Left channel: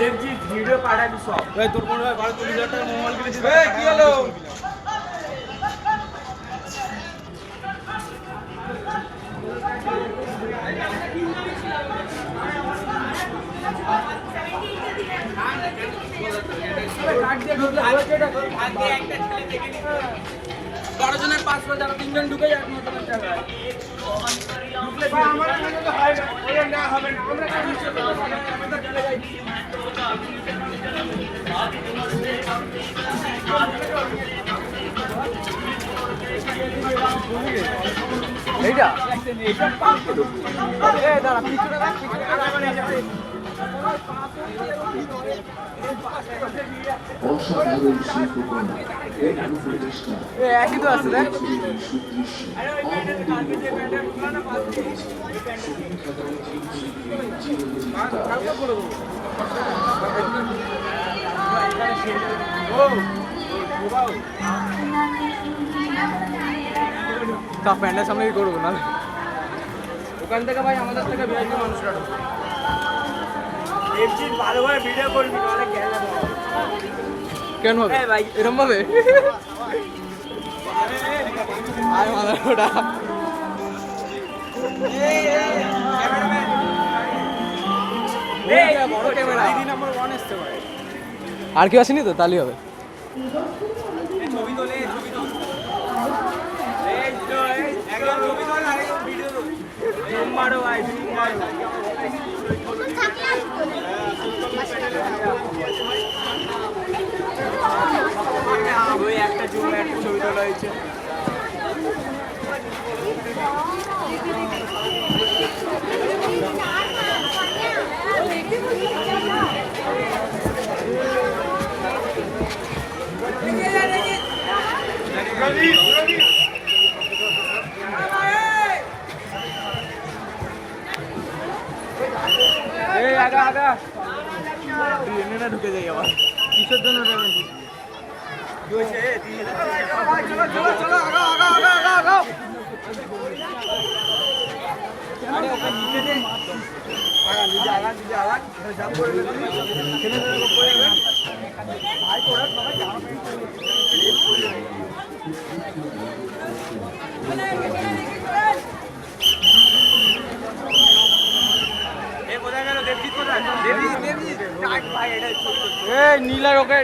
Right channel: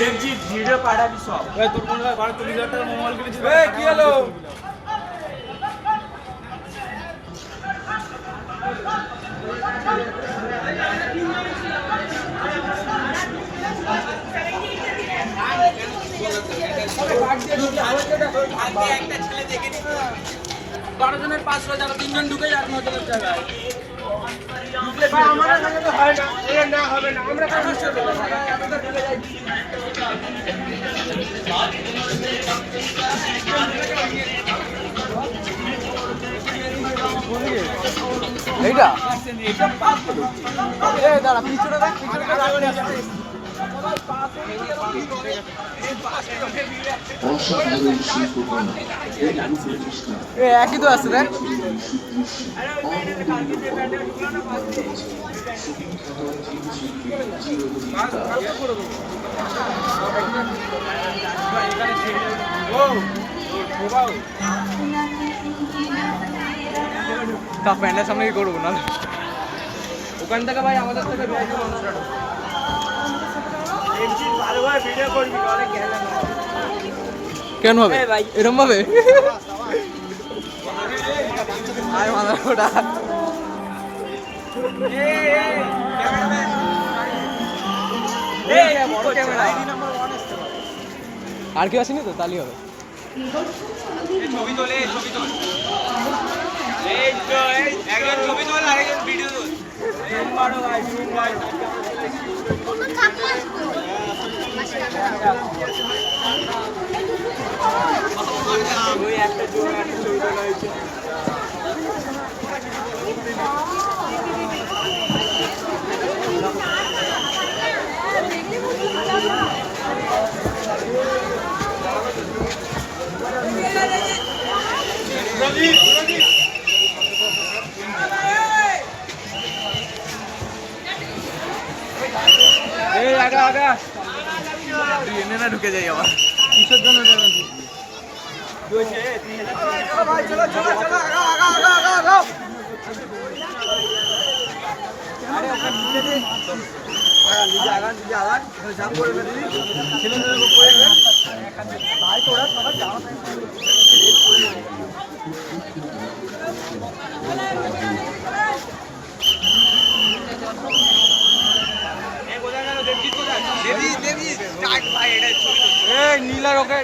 Video পাঠাবি সব। তোর কোন ভাই 12-30 হাজার টাকা মোবাইল কিনেছিস? কি হলো? একটা ছেলে দেখে নি 12 জনের 500 টাকা 3 জন ঢুকে যায় 9 টাকা এইটা এ দাঁড়া পিছনে দেখ পিছনে তো রাখলে অসাধারণ শিল্পকলা একই তো আছে দেখ তা প্যান্ডের সামনে করবো না ওখান থেকে ভাই আমাদের থেকে ভিআইপি মানুষরা ভিডিও করবি নাহলে গেলে না কেন হবে ভাই এরকম ভাবে আর মাথা ওটা আর কি আসেনি তো তাহলেই হবে ছবি তোলে ছবি তোল এই তো একজন ছবি তোল আর একজন ভিডিও তোল মারো ভাই ওই একটা ছবি তোলা হয়েছে ঢুকে যাই আবার কিসের জন্য চলো চলো চলো আগাও নীলা ওকে